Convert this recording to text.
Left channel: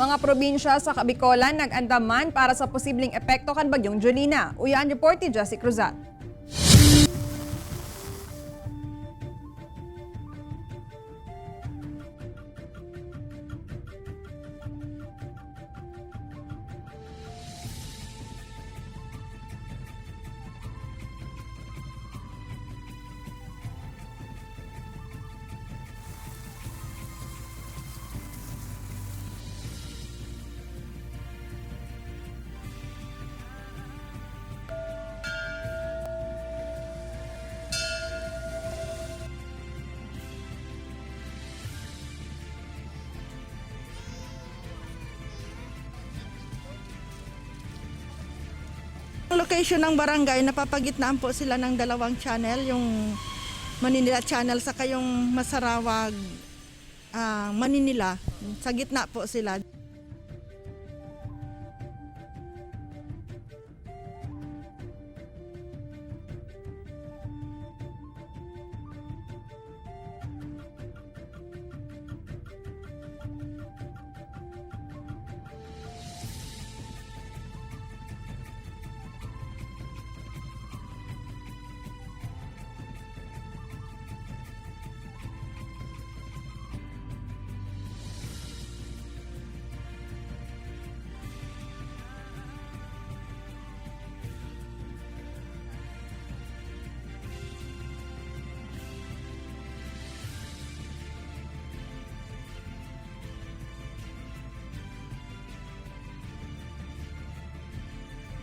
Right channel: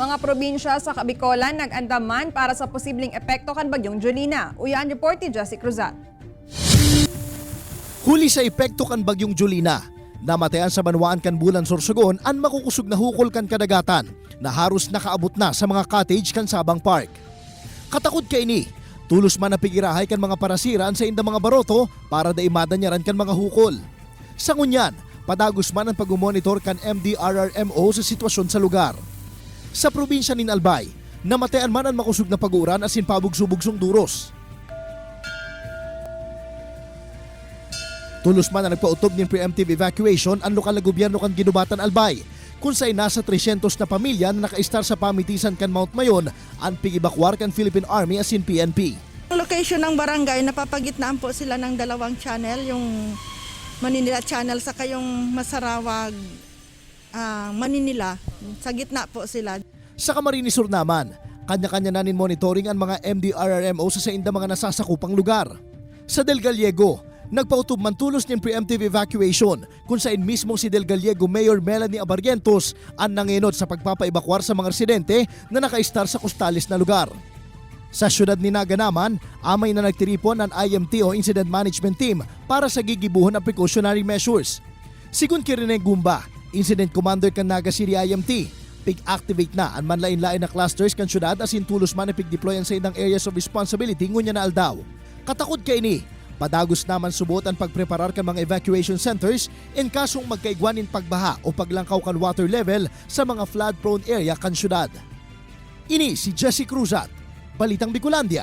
Mga probinsya sa Bicolan nag-andaman para sa posibleng epekto kan Bagyong Jolina. Uyaan report ni Jessie Cruzat. Huli sa epekto kan Bagyong Jolina, namatayan sa Banwaan kan Bulan Sorsogon ang makukusog na hukol kan kadagatan na haros nakaabot na sa mga cottage kan Sabang Park. Katakot kay ni, tulos man napigirahay kan mga parasiran sa inda mga baroto para daimada niya ran kan mga hukol. Sa ngunyan, padagos man ang pag-monitor kan MDRRMO sa sitwasyon sa lugar. Sa probinsya nin Albay, namatayan man ang makusog na pag-uuran asin pabugsubugsong duros. Tulos man na nagpautob ng preemptive evacuation ang lokal na gobyerno kan Ginubatan Albay, kung sa'y nasa 300 na pamilya na naka-star sa pamitisan kan Mount Mayon ang pigibakwar kan Philippine Army asin PNP. Ang location ng barangay, napapagitnaan po sila ng dalawang channel, yung Maninila Channel saka yung Masarawag Maninila. Sa gitna po sila. Sa Camarines Sur naman, kanya-kanya na nin monitoring ang mga MDRRMO sa inda mga nasasakupang lugar. Sa Del Gallego, nagpautob man tulos ng preemptive evacuation kung saan mismo si Del Gallego Mayor Melanie Abarrientos ang nanginod sa pagpapaibakwar sa mga residente na naka-star sa costalis na lugar. Sa syudad ni Naga naman, amay na nagtiripon ang IMT o Incident Management Team para sa gigibuhon ang precautionary measures. Sigun Kirine Gumba, Incident Commander kan Naga City IMT, pig-activate na ang manlain-lain na clusters kan syudad asin tulos man pig-deployan sa idang areas of responsibility ngunya na aldaw. Katakot kay ni, padagos naman subot ang pagpreparar kan mga evacuation centers in kasong magkaigwanin pagbaha o paglangkaw kan water level sa mga flood-prone area kan syudad. Ini si Jessie Cruzat, Balitang Bicolandia.